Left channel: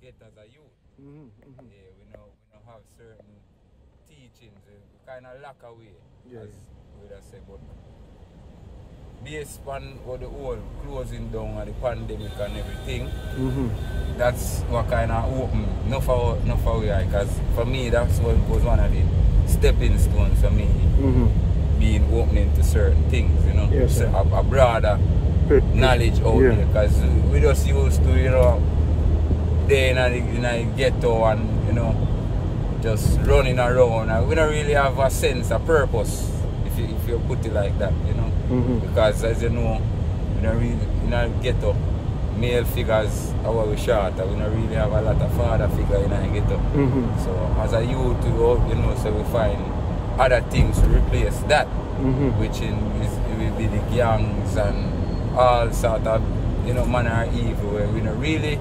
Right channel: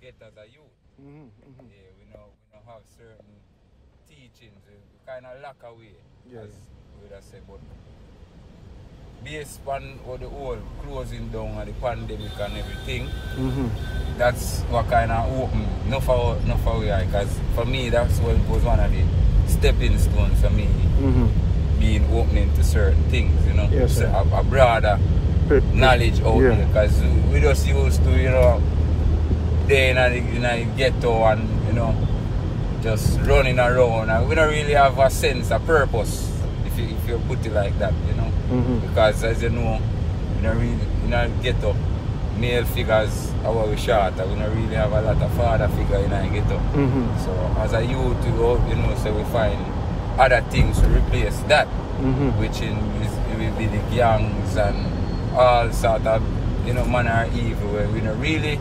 get as a youth. Yeah, we don't have certain teachings. We kind of lack away, as we would say, but based on all the whole closing down and the pandemic and everything, that's what kind of opened enough away, because for me that's what was one of the stepping stones for me, being opening to certain things, you know, a broader knowledge out there, because we just used to, you know, day in the ghetto and, you know, just running around, and we don't really have a sense of purpose, if you put it like that, you know. Because as you know, we don't ghetto, male figures are we short, and we don't really have a lot of father figure in our ghetto. So as a youth, you know, so we find other things to replace that, which will be the gangs and all sort of, you know, manner of evil, where we don't really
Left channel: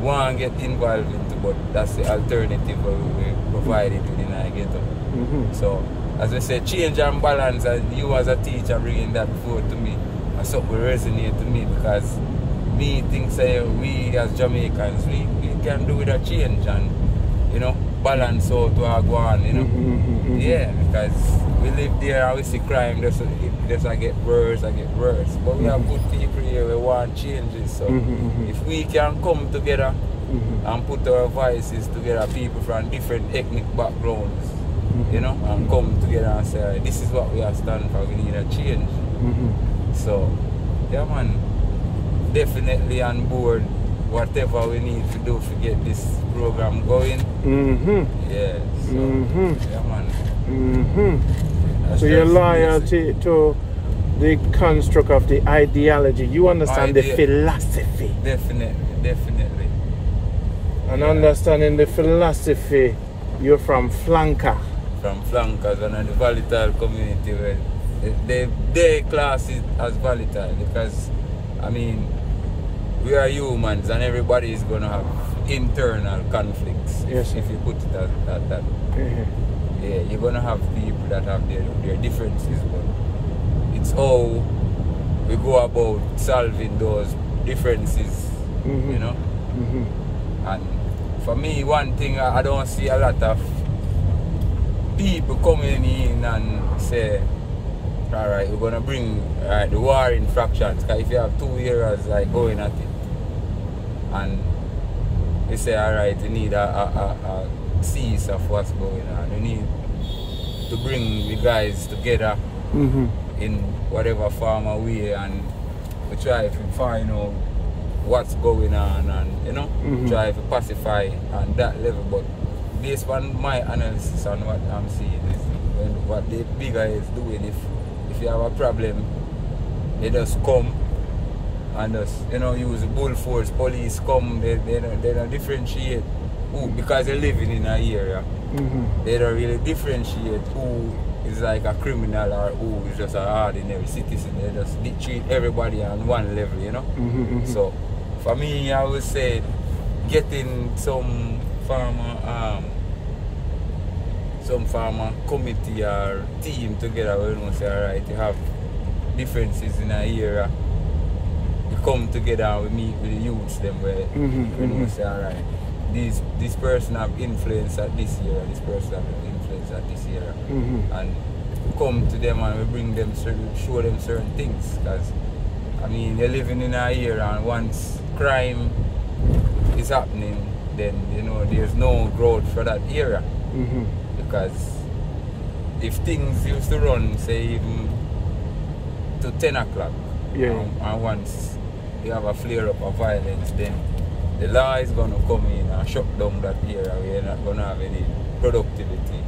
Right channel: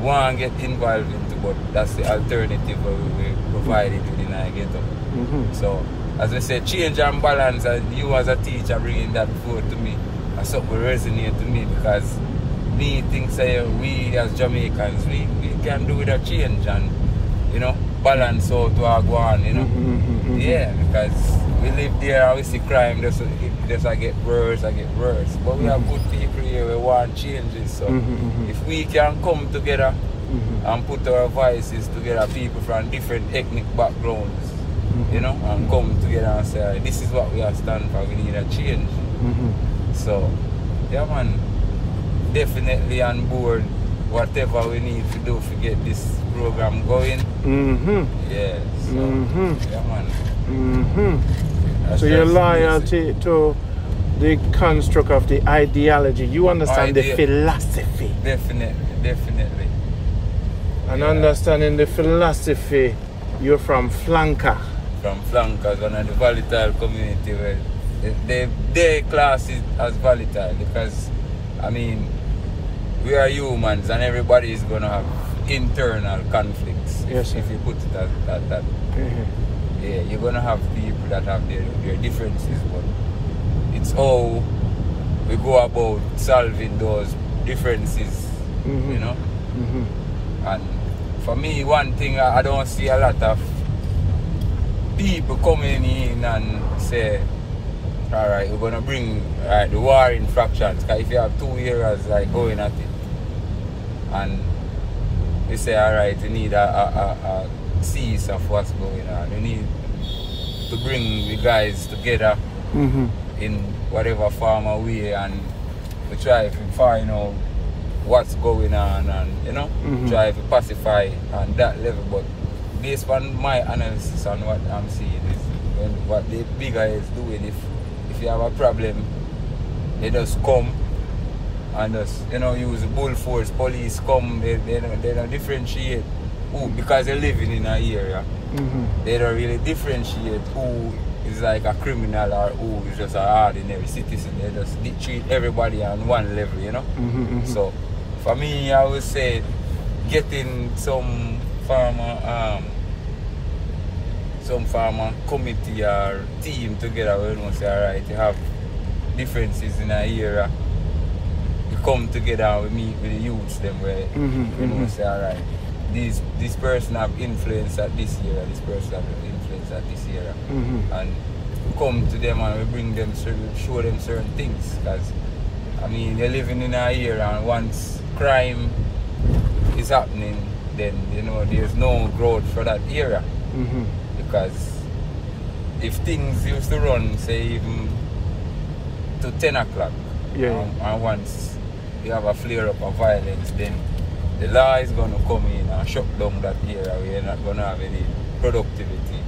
want to get involved into, but that's the alternative where we provide it within our ghetto. So as I say, change and balance, and you as a teacher bringing that forward to me, that's something resonate to me, because me think say we as Jamaicans, we can do with a change and, you know, balance out to our go on, you know. Yeah, because we live there and we see crime just get worse, but we have good people here, we want changes. So if we can come together and put our voices together, people from different ethnic backgrounds, you know, and come together and say, this is what we are standing for, we need a change. So, yeah man, definitely on board whatever we need to do to get this program going. Yeah, so, yeah man. So your loyalty to the construct of the ideology, you understand the philosophy. Definitely. And understanding the philosophy, you're from Flanker. From Flankers, and the volatile community, where their class is as volatile, because I mean we are humans and everybody is gonna have internal conflicts, if you put it at that. Yeah, you're gonna have people that have their differences, but it's how we go about solving those differences, you know. And for me, one thing I don't see a lot of people coming in and say, alright, we're gonna bring the war in fractions, because if you have 2 years like going at it, and we say, alright, you need a cease of what's going on, we need to bring the guys together in whatever form or way, and we try to find out what's going on, and, you know, try to pacify on that level. But based on my analysis and what I'm seeing is, what the big guy is doing, if you have a problem, they just come and just, you know, use bull force, police come, they don't differentiate who, because they're living in an area, they don't really differentiate who is like a criminal or who is just an ordinary citizen. They just treat everybody on one level, you know. So for me, I would say getting some farmer committee or team together, where you know, say, alright, you have differences in an area, you come together and we meet with the youths them, where you know, say, alright, this person have influence at this area, this person have influence at this area, and we come to them and we bring them, show them certain things, because I mean, they're living in an area, and once crime is happening, then, you know, there's no growth for that area. Because if things used to run, say, even to 10 o'clock, and once you have a flare up of violence, then the law is going to come in and shut down that area. We're not going to have any productivity.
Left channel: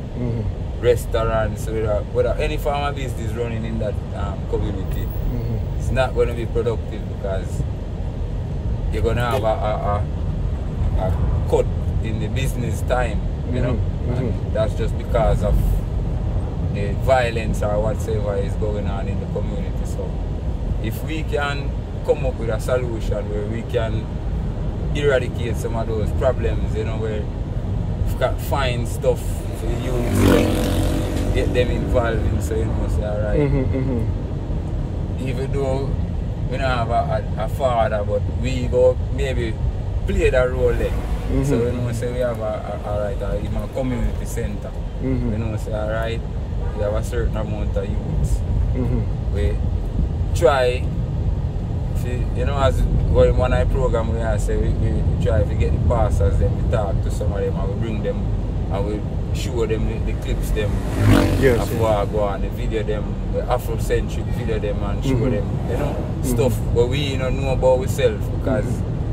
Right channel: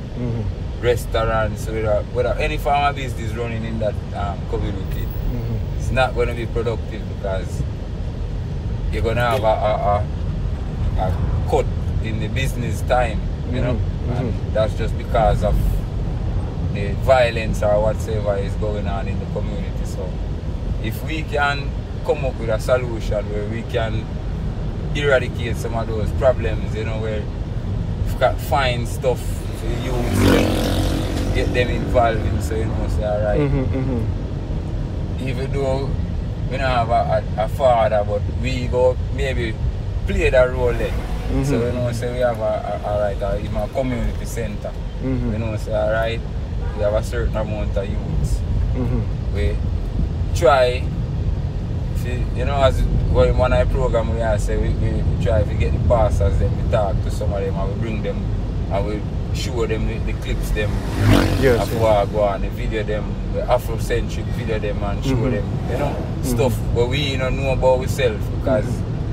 Restaurants, without any farm of business running in that community, it's not going to be productive, because you're going to have a cut in the business time, you know. And that's just because of the violence or whatsoever is going on in the community. So if we can come up with a solution where we can eradicate some of those problems, you know, where we've got find stuff for the youth, get them involved in, so you know, say, alright, even though we don't have a father, but we go maybe play that role there. So you know, say we have even a community center. You know, say alright, we have a certain amount of youths. We try, you know, as one of the program we have say we try to get the pastors, then we talk to some of them and we bring them and we show them the clips them of what go on, the video them, the Afrocentric video them and show them, you know, stuff where we don't know about ourselves, because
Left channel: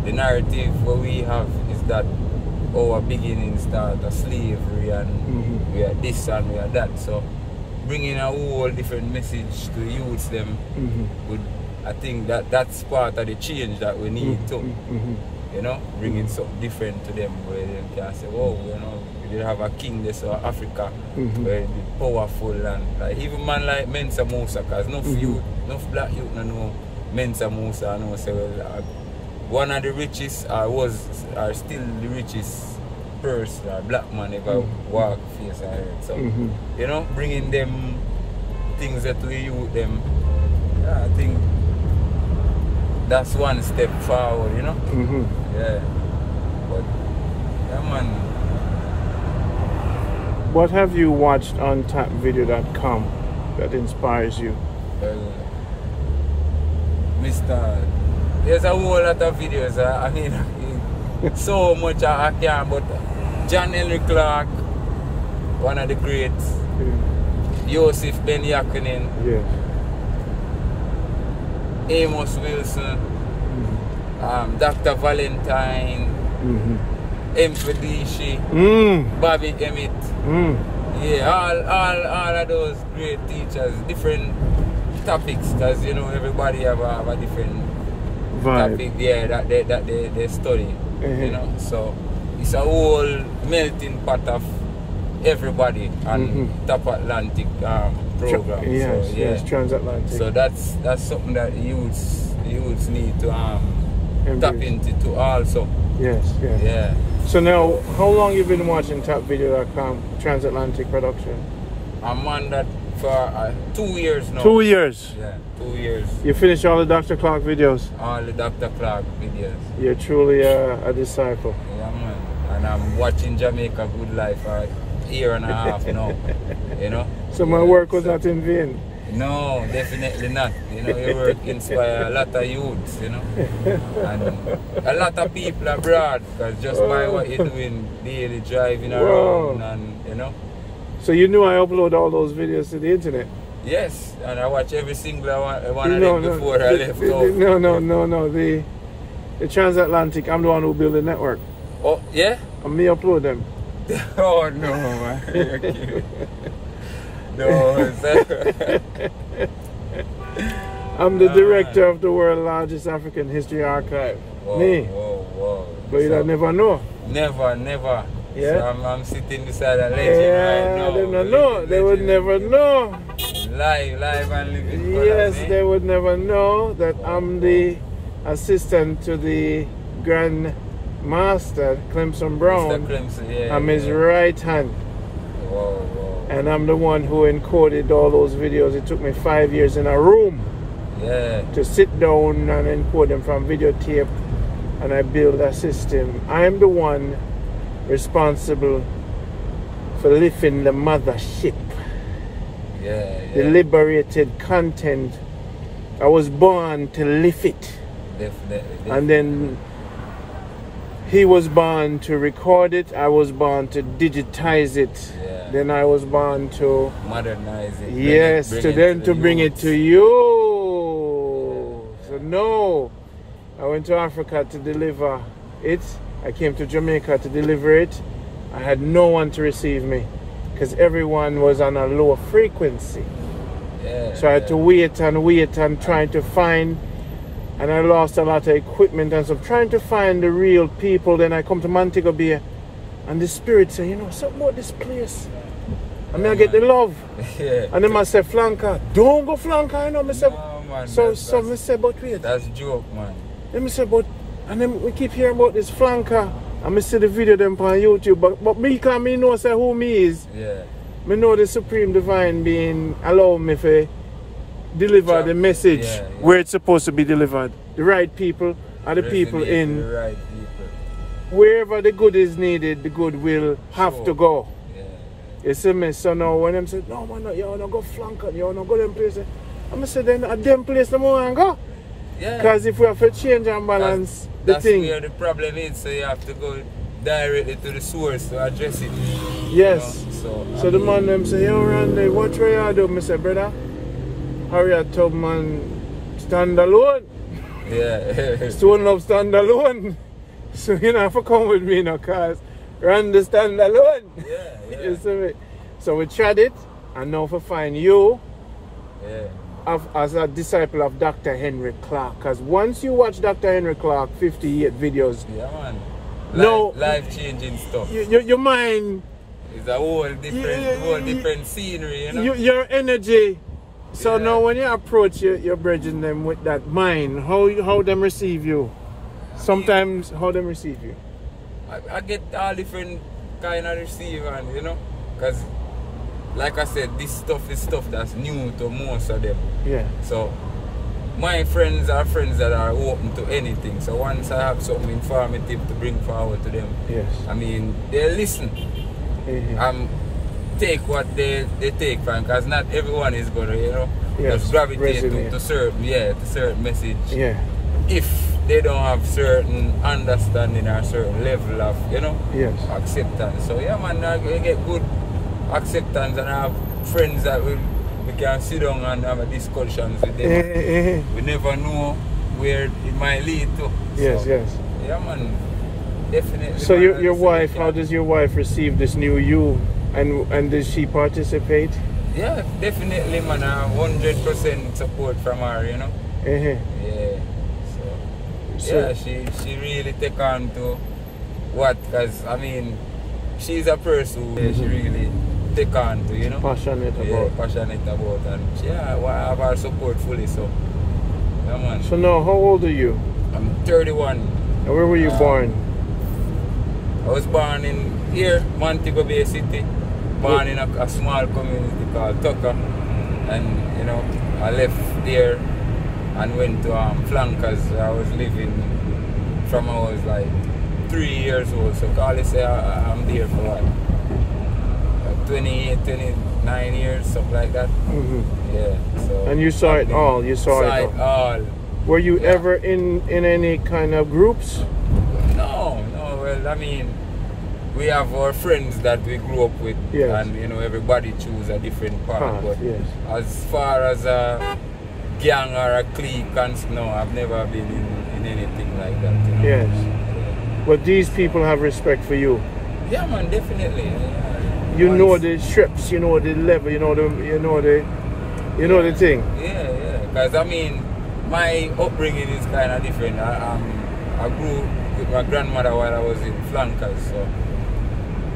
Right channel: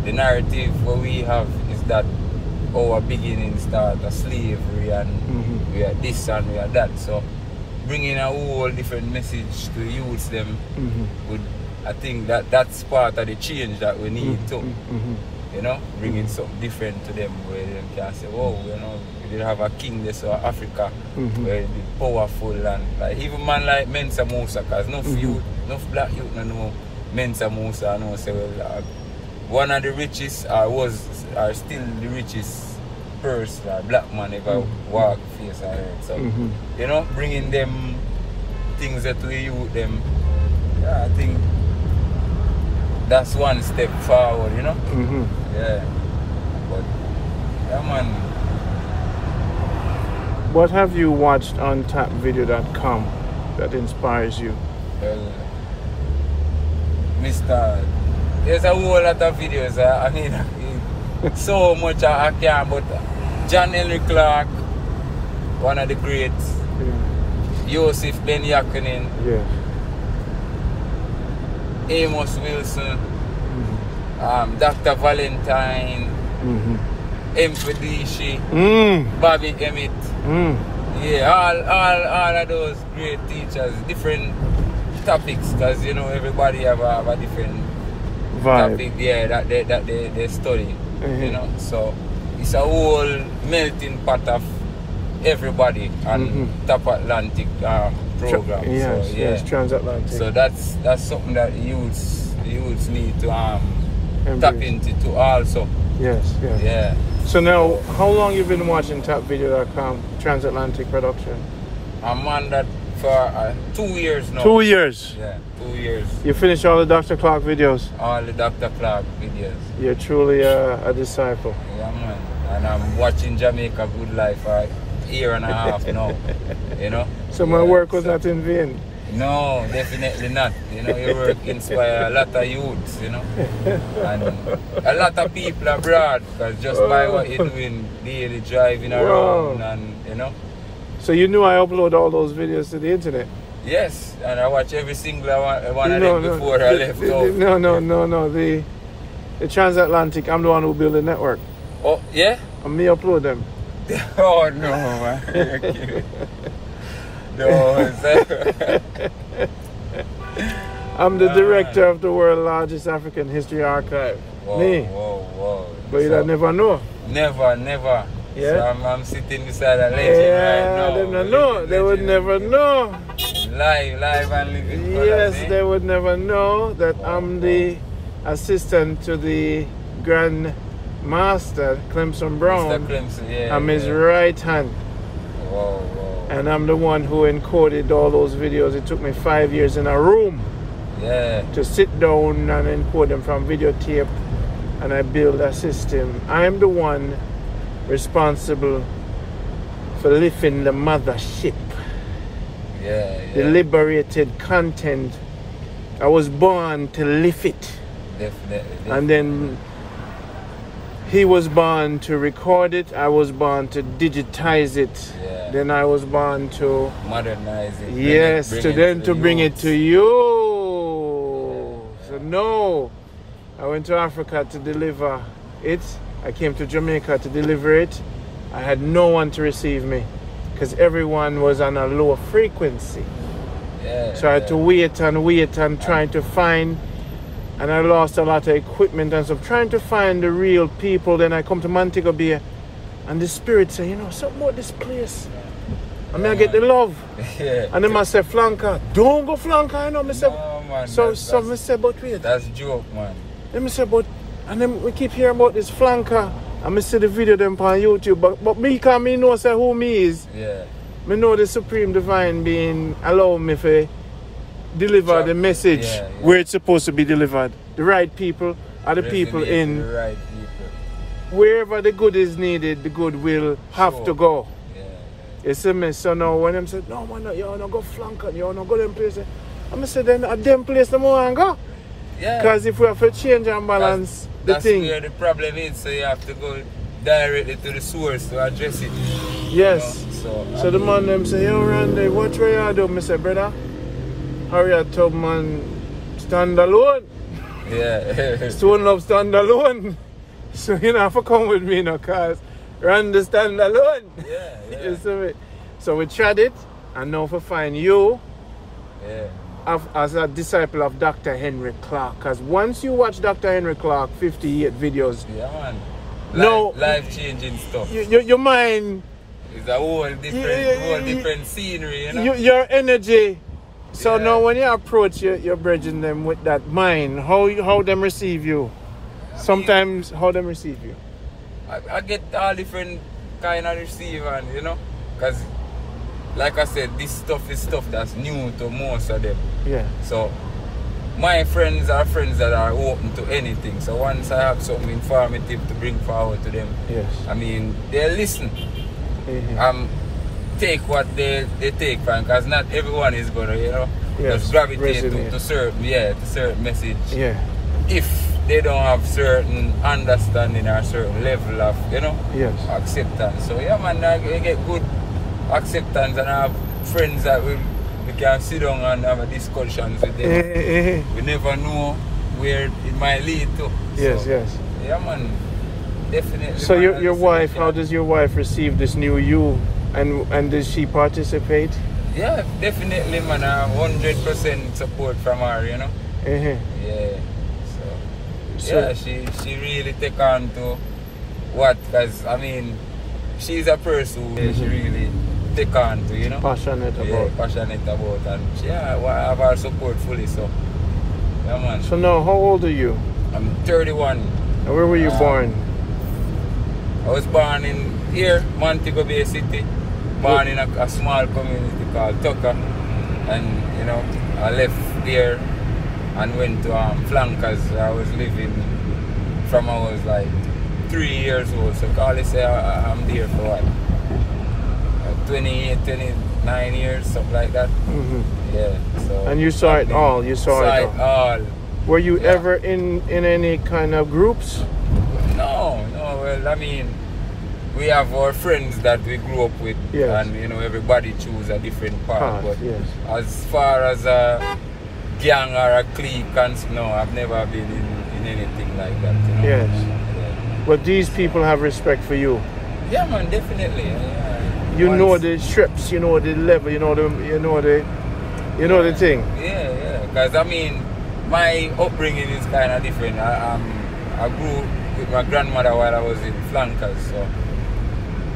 the narrative what we have is that our beginning start of slavery and we are this and we are that. So bringing a whole different message to the youths them would, I think that's part of the change that we need to, you know, bringing something different to them where they can say, whoa, you know, we didn't have a king this or Africa where it's powerful and like even man like Mensa Musa, because enough black youth don't know Mensa Musa, know say well, one of the richest are still the richest person or black man ever walk face I heard. So you know, bringing them things that we youth them, I think that's one step forward, you know? Yeah. But, yeah, man. What have you watched on tapvideo.com that inspires you? Well, there's a whole lot of videos. I mean, so much I can't, but John Henry Clark, one of the greats, Joseph Ben Yakinen, Amos Wilson, Dr. Valentine, Mpedishi, Bobby Emmett. Yeah, all of those great teachers, different topics, because you know everybody have a different topic, that they study. You know, so it's a whole melting pot of everybody and Top Atlantic program. Yes, transatlantic. So that's something that youths need to tap into also. Yes. Yeah. So now, how long you been watching tapvideo.com transatlantic production? I'm on that for 2 years now. 2 years? Yeah, 2 years. You finished all the Dr. Clark videos? All the Dr. Clark videos. You're truly a disciple. Yeah, man. And I'm watching Jamaica Good Life for a year and a half now. You know? So my work was not in vain? No, definitely not. You know, your work inspire a lot of youths, you know. And a lot of people abroad, because just by what you're doing, daily driving around and, you know. So you knew I upload all those videos to the internet? Yes, and I watch every single one of them before I left home. No. The transatlantic, I'm the one who built the network. Oh, yeah? And me upload them. Oh, no, man. No, I'm the director of the world's largest African history archive. Whoa. But you never know. Never. Yeah? So I'm sitting beside a legend right now. They don't know. They would never know. Live and living. Yes, they would never know that I'm the assistant to the Grand Master, Clemson Brown. Mr. Clemson, I'm his right hand. Whoa. And I'm the one who encoded all those videos. It took me 5 years in a room to sit down and encode them from videotape, and I build a system. I'm the one responsible for lifting the mothership. The liberated content. I was born to lift it. Definitely. And then he was born to record it. I was born to digitize it. Then I was born to modernize it. Yes, to bring it to you. So no, I went to Africa to deliver it. I came to Jamaica to deliver it. I had no one to receive me because everyone was on a low frequency. So I had to wait and trying to find. And I lost a lot of equipment and stuff, trying to find the real people. Then I come to Montego Bay, and the spirit say, you know, something about this place. I mean, I get the love. And then I say, flanker, don't go flanker, you know. I say, no, man, so I say, but wait. That's a joke, man. Then I say, but, and then we keep hearing about this flanker. And I see the video them on YouTube. But me, because me know say who me is. Me know the Supreme Divine Being allow me to deliver the message where it's supposed to be delivered. The right people are the people in. The right people. wherever the good is needed, the good will have to go. Yeah. You see me? So now when them say, no man, you wanna go flank it, you wanna go them places. I'm say then at them place them wanna go. Yeah. Because if we have to change and balance that's the thing. where the problem is, so you have to go directly to the source to address it. Yes. You know? So the man them say, yo Randy, what way you do? I say, brother, hurry up, top man, stand alone. Yeah. Stone Love stand alone. So you know have to come with me now, cause Randy stand alone. Yeah, yeah. You see me? So we tried it, and now we find you as a disciple of Dr. Henry Clark. Because once you watch Dr. Henry Clark 58 videos, yeah, man. Life-changing stuff. Your mind, it's a whole different scenery, you know? Your energy. So now when you approach you're bridging them with that mind, how them receive you? Sometimes how them receive you? I get all different kind of receivers, you know? Because like I said, this stuff is stuff that's new to most of them. Yeah. So my friends are friends that are open to anything. So once I have something informative to bring forward to them, yes, I mean, they listen. Take what they take from, because not everyone is gonna, you know, just gravitate to certain message. Yeah. If they don't have certain understanding or certain level of, you know, acceptance. So yeah man, we get good acceptance, and I have friends that we can sit down and have a discussions with them. We never know where it might lead to. Yes, yes. Yeah man, definitely. So your wife, how does your wife receive this new you? And does she participate? Yeah, definitely man, 100% support from her, you know. Yeah. So yeah, she really take on to what, because I mean, she's a person who she really take on to, you know. Passionate about. Yeah, passionate about, and I have her support fully, so yeah man. So now, how old are you? I'm 31. And where were you born? I was born in here, Montego Bay City. Born in a small community called Tucker, and you know, I left there and went to Flankers. I was living from I was like 3 years old, so call it say I'm there for what, 28, 29 years, something like that. Yeah. So and you saw it all. You saw it all. Were you ever in any kind of groups? No. Well, I mean, we have our friends that we grew up with, and you know, everybody choose a different path. But as far as a gang or a clique, no, I've never been in anything like that. You know? Yes. But these people have respect for you. Yeah, man, definitely. You know the strips, you know the level, you know the thing. Yeah. Because I mean, my upbringing is kind of different. I grew with my grandmother while I was in Flankers, so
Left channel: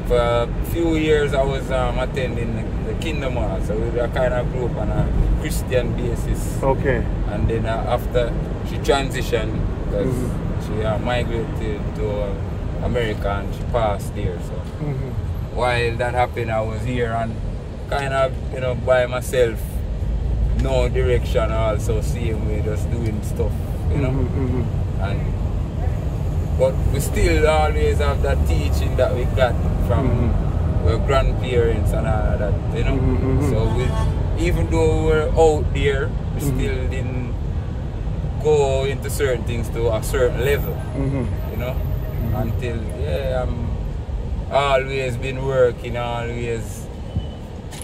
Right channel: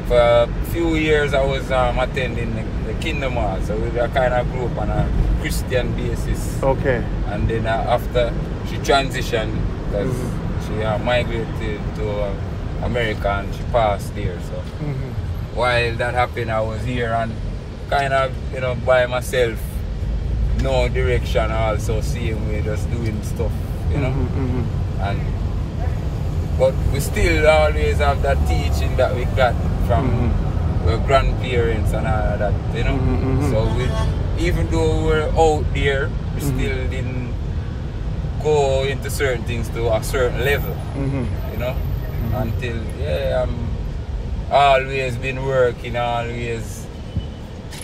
for a few years I was attending the Kingdom Hall, so we kind of grew up on a Christian basis. Okay. And then after she transitioned, because she migrated to America and she passed there. So while that happened, I was here and kind of, you know, by myself, no direction, also same way, just doing stuff, you know. But we still always have that teaching that we got from our grandparents and all of that, you know. So even though we were out there, we still didn't go into certain things to a certain level, you know. Until, I'm always been working, always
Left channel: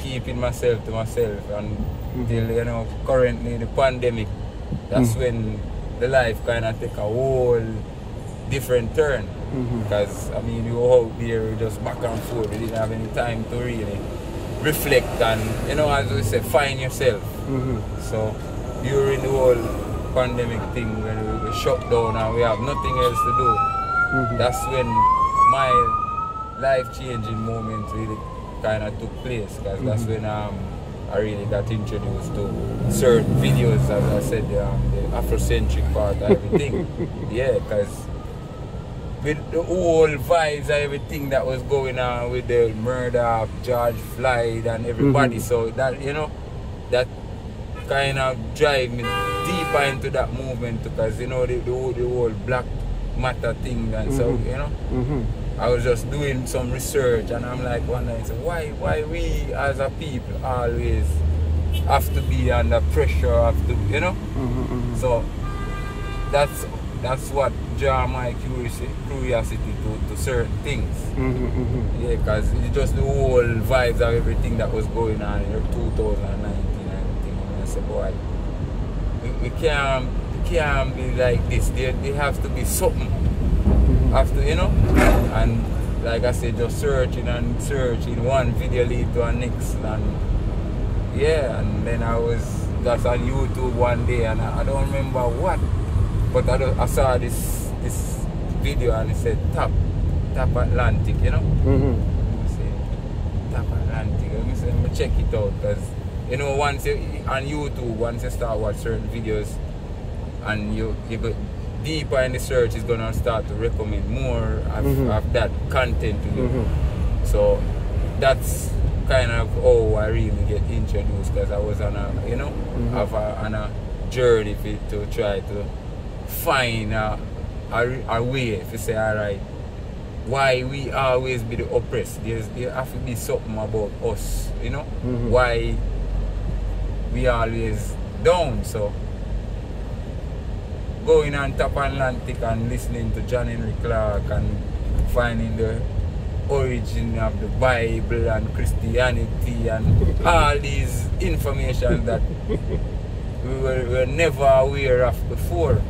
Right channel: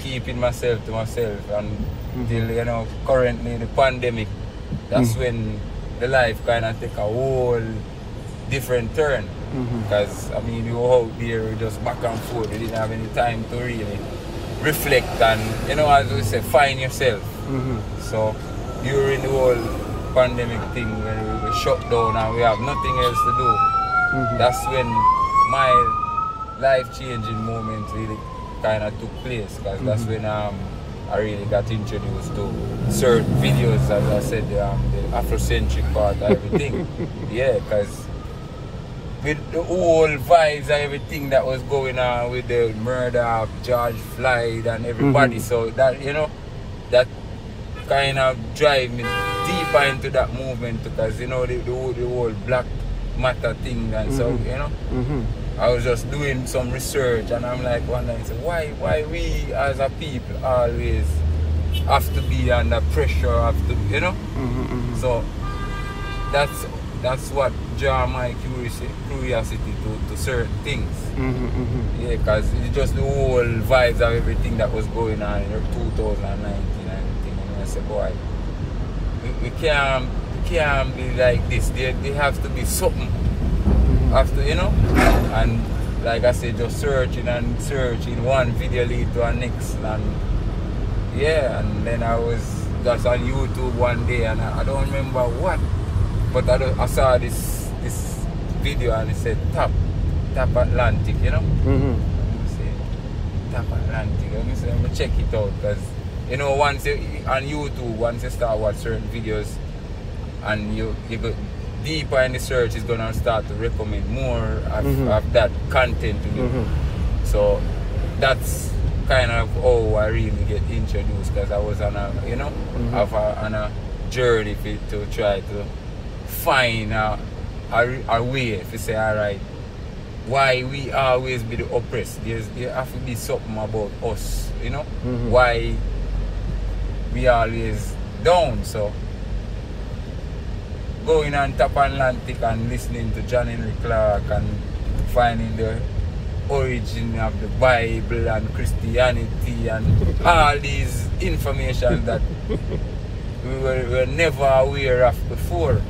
keeping myself to myself, and until, you know, currently the pandemic, that's when the life kind of take a whole different turn. Because I mean, you were out there just back and forth, we didn't have any time to really reflect and, you know, as we say, find yourself. So during the whole pandemic thing, when we were shut down and we have nothing else to do, that's when my life-changing moment really kind of took place, because that's when I really got introduced to certain videos, as I said, the Afrocentric part of everything. Yeah, because with the whole vibes and everything that was going on with the murder of George Floyd and everybody, so that, you know, that kind of drive me deeper into that movement, because, you know, the whole black matter thing, and so you know. I was just doing some research, and I'm like wondering, so why we as a people always have to be under pressure, have to, you know. So that's what draw my curiosity to certain things. Yeah, because it's just the whole vibes of everything that was going on in 2019 and everything. And I said, boy, we can't be like this. There has to be something. Have to, you know. And like I said, just searching and searching. One video lead to the next, and yeah. And then I was just on YouTube one day, and I don't remember what, but I saw this video, and it said Tap Atlantic, you know. I say Tap Atlantic. Let me check it out, because you know, once you on YouTube, once you start watch certain videos, and you go deeper in the search, is gonna start to recommend more of that content. You know? So that's kind of how I really get introduced, because I was on a, you know, on a journey to try to find a way to say, alright, why we always be the oppressed. There have to be something about us, you know, why we always down. So going on Tap Atlantic and listening to John Henry Clark and finding the origin of the Bible and Christianity and all these information that we were never aware of before.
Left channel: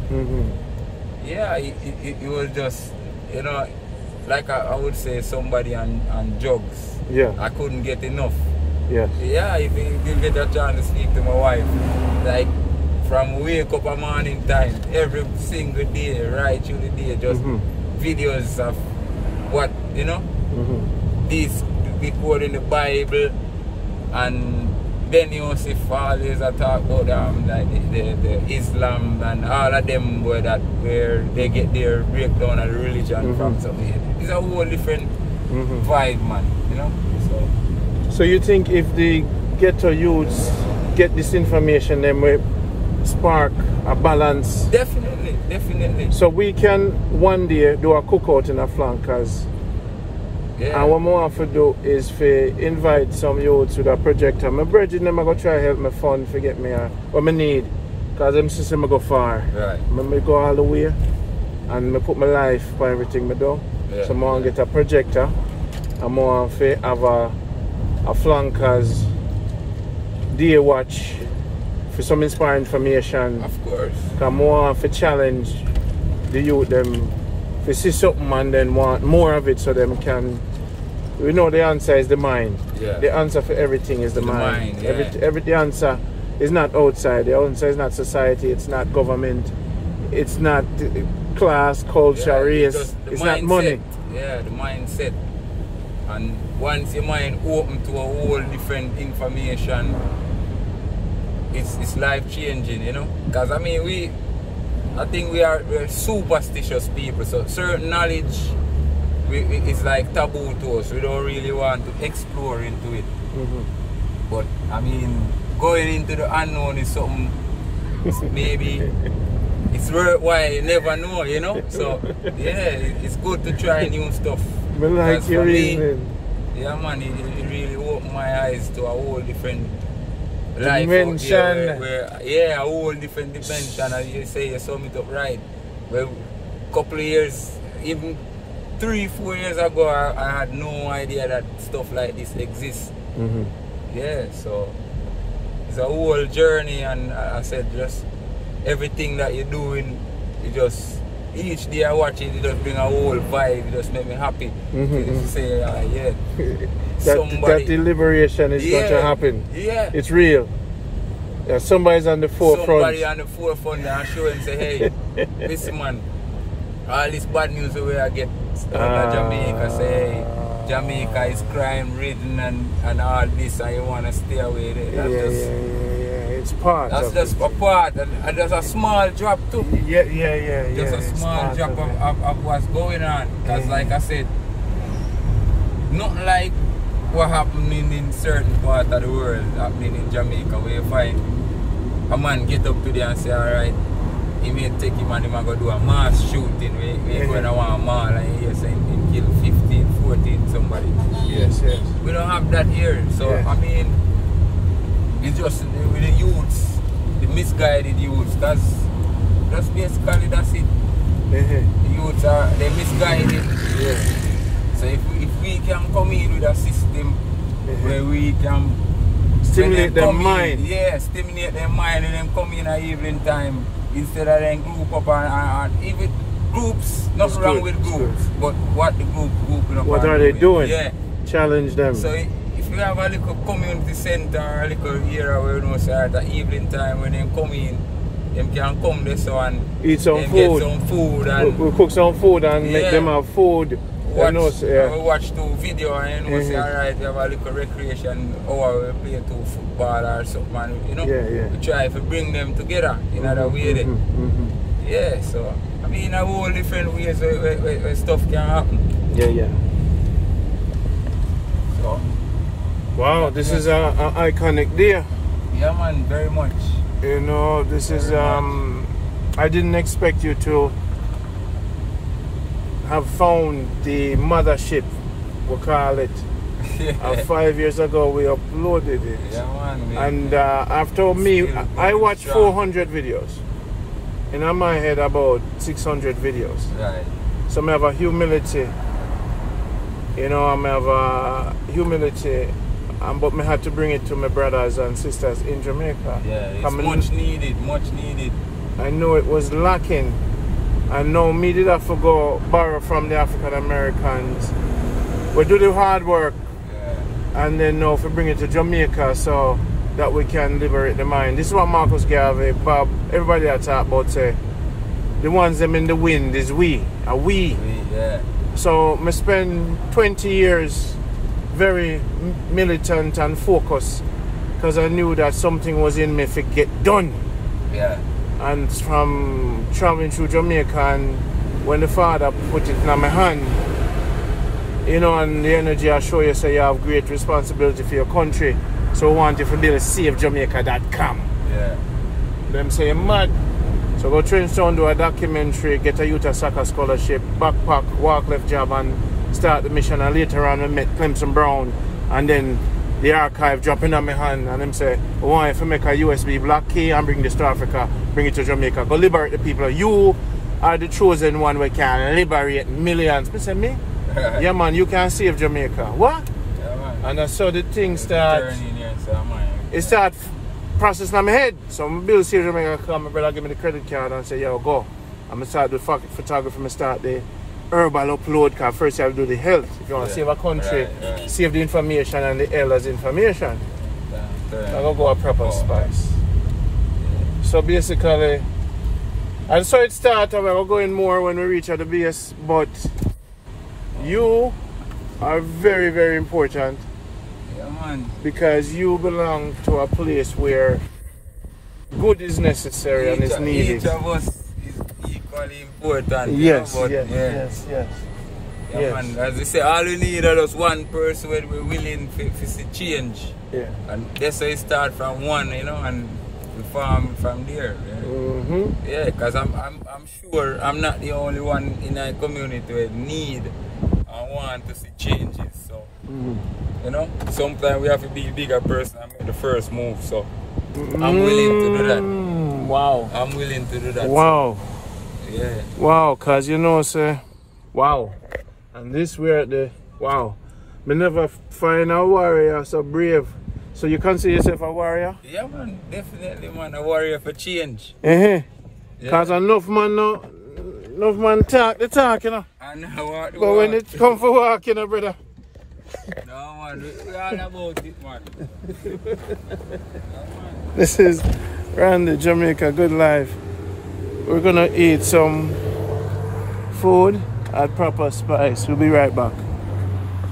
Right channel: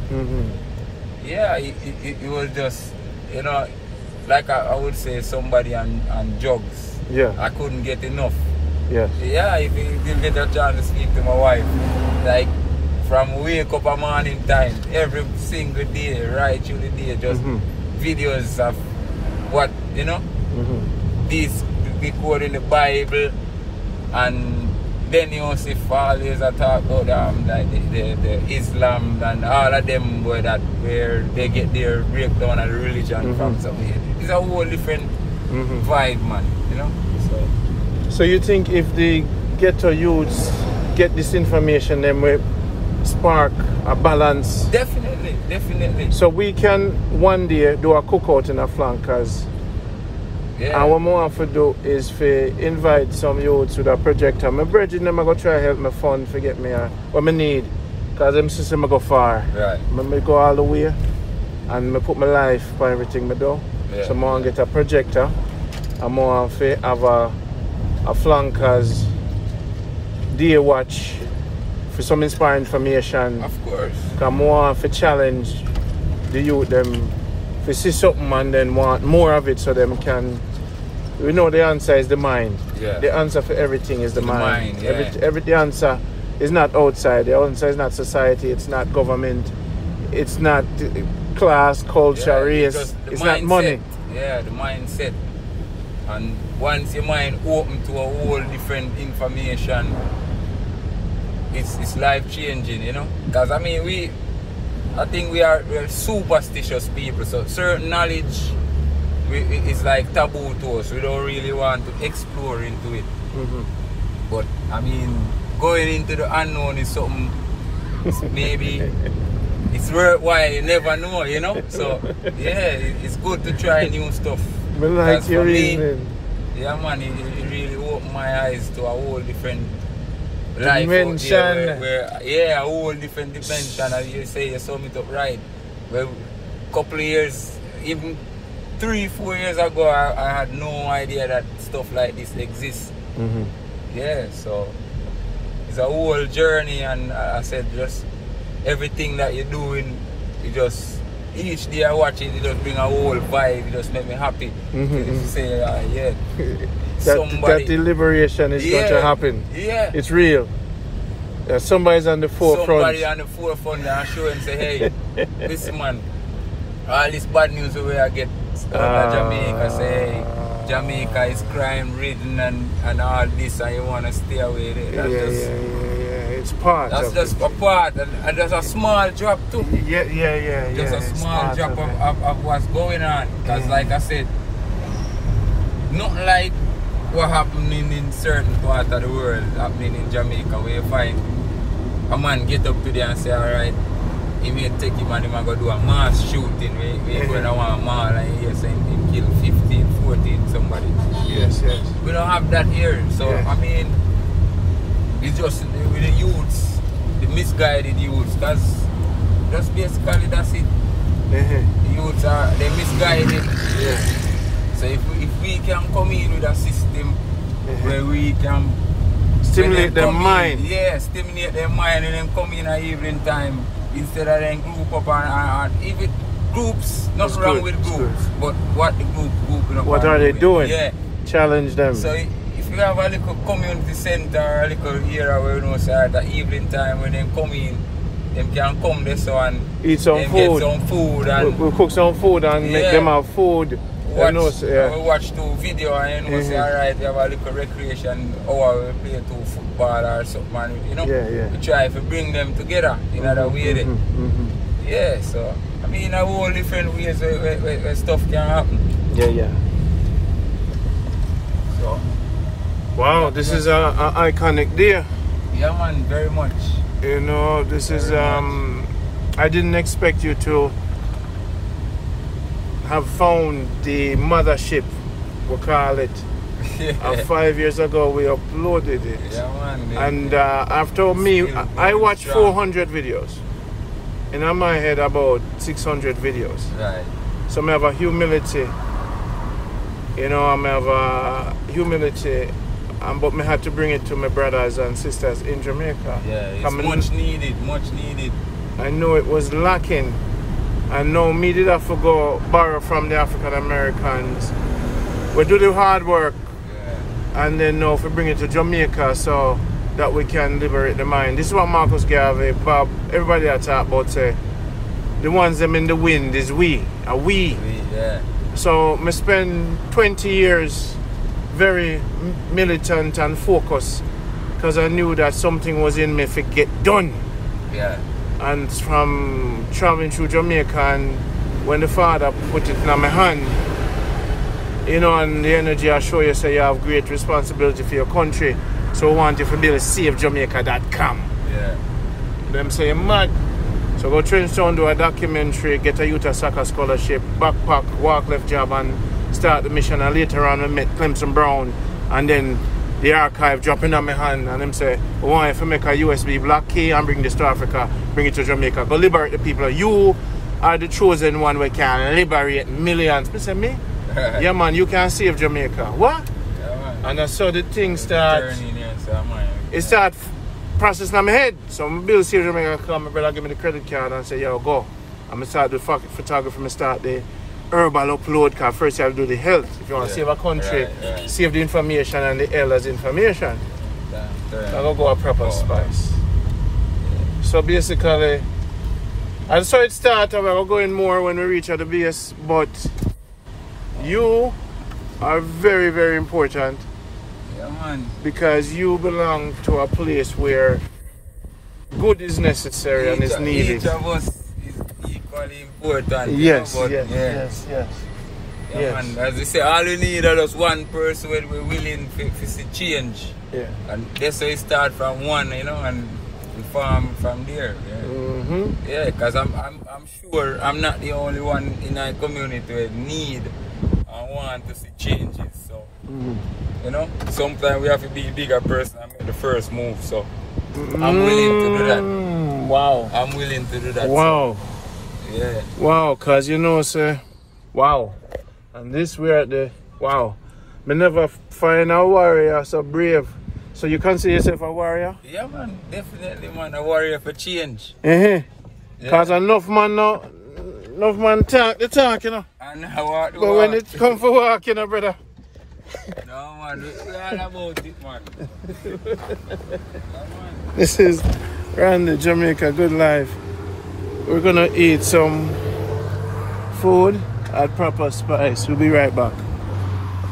Yeah, it was just, you know, like I would say, somebody on drugs. Yeah. I couldn't get enough. Yes. Yeah, if you get a chance to speak to my wife, like from wake up a morning time, every single day, right through the day, just videos of what, you know, this recorded in the Bible, and then Yosef always talk about like the Islam and all of them where they get their breakdown of the religion from. So it's a whole different vibe, man, you know. So you think if the ghetto youths get this information, then we spark a balance? Definitely. So we can one day do a cookout in a flankers. Yeah. And what I want to do is to invite some youths with a projector. My brethren, I'm going to try to help my fund to get me what I need. Because I'm saying I go far. Right. I go all the way. And I put my life for everything I do. Yeah. So I want to get a projector. I want to have a flankers day watch for some inspiring information. Of course. Because I want to challenge the youth them to see something and then want more of it, so them can. We know the answer is the mind. Yeah. The answer for everything is the mind. Yeah. The answer is not outside. The answer is not society. It's not government. It's not class, culture, race. It's not money. Yeah, the mindset. And once your mind open to a whole different information, it's life changing, you know. Because I mean, I think we're superstitious people, so certain knowledge is like taboo to us. We don't really want to explore into it. But I mean, going into the unknown is something maybe it's worthwhile. You never know, you know. So yeah, it's good to try new stuff. Like for me, yeah, man, it really opened my eyes to a whole different life dimension. Yeah, a whole different dimension. As you say, you sum it up right. Well, a couple of years, even 3-4 years ago, I had no idea that stuff like this exists. Yeah, so it's a whole journey, and I said, just everything that you're doing, you just each day I watch it, it just bring a whole vibe, it just make me happy. Say, yeah. That deliberation is going to happen. Yeah. It's real. Yeah, somebody's on the forefront. Somebody on the forefront and show and say, hey, listen man, all this bad news the way I get down to Jamaica, say, hey, Jamaica is crime ridden and all this, and you want to stay away there. That's it's part. That's just a part, and there's a small drop too. Yeah. Just a small drop of what's going on. Because like I said, not like what happening in certain parts of the world happening in Jamaica, where you find a man get up today and say, alright, he may take him and him go do a mass shooting. We going to one mall and he say he kill 15, 14 somebody. Yes, yes. We don't have that here. So yes. I mean, it's just with the youths, the misguided youths. That's basically that's it. The youths are they misguided. So if we can come in with a system where we can stimulate their mind. Yeah, stimulate their mind and then come in at evening time instead of then group up and even groups, nothing wrong with groups, but what the group what are they doing? Yeah. Challenge them. So if you have a little community center, a little area where you know say at the evening time when they come in, they can come there so and eat some food. Get some food and we'll cook some food and make them have food. We watch 2 video and then we say alright, we have a little recreation hour, we play 2 football or something, and, you know, we try to bring them together in other way. Yeah, so I mean a whole different ways where stuff can happen. Yeah. So, wow, this is a iconic day. Yeah man, very much. You know, this is I didn't expect you to have found the mothership, we'll call it. 5 years ago we uploaded it. Yeah, man, and after me, I watched 400 videos. And in my head about 600 videos. Right. So I have a humility. You know, I have a humility, but I had to bring it to my brothers and sisters in Jamaica. Yeah, it's much needed. I know it was lacking. And now me did have to go borrow from the African Americans. We do the hard work, and then now we bring it to Jamaica so that we can liberate the mind. This is what Marcus Garvey, Bob, everybody I talk about say, the ones them in the wind is we. So I spend 20 years very militant and focused because I knew that something was in me to get done. Yeah. And from traveling through Jamaica, and when the father put it in my hand, you know, and the energy I show you, say you have great responsibility for your country. So we want you to be able to save Jamaica.com. Yeah. Them say mad. So go Trenchtown, do a documentary, get a youth soccer scholarship, backpack, walk left job and start the mission. And later on we met Clemson Brown, and then the archive dropping on my hand, and them say, we want you to make a USB black key and bring this to Africa, bring it to Jamaica, go liberate the people. You are the chosen one who can liberate millions. I say, me? Yeah man, you can save Jamaica. What? Yeah, man. And that's how the thing start. It start processing in my head. So my bill Save Jamaica come, my brother give me the credit card and say, yo, go. I'm going to start the photography, I start the herbal upload, because first you have to do the health. If you want to save a country, save the information and the elders' information. I'm going to go a proper spice. So basically, and so it started, we're going more when we reach at the base, but you are very, very important. Yeah, man. Because you belong to a place where good is necessary and is needed. Each of us is equally important. Yes, you know, yes. Yeah, man. As we say, all we need is just one person when we're willing to see change. Yeah. And that's how it start from one, you know, and we farm from there. Yeah, yeah, because I'm sure I'm not the only one in our community who need and want to see changes. So, you know, sometimes we have to be a bigger person and make the first move. So, I'm willing to do that. Wow. I'm willing to do that. Wow. So, yeah. Wow, because you know, say, wow. And this we're at the, wow. Me never find a warrior so brave. So you consider yourself a warrior? Yeah, man. Definitely, man. A warrior for change. Because enough man talk the talk, you know. And what, but when it come for walk, you know, brother. No, man. We're all about it, man. This is Randy, Jamaica, good life. We're going to eat some food at Proper Spice. We'll be right back.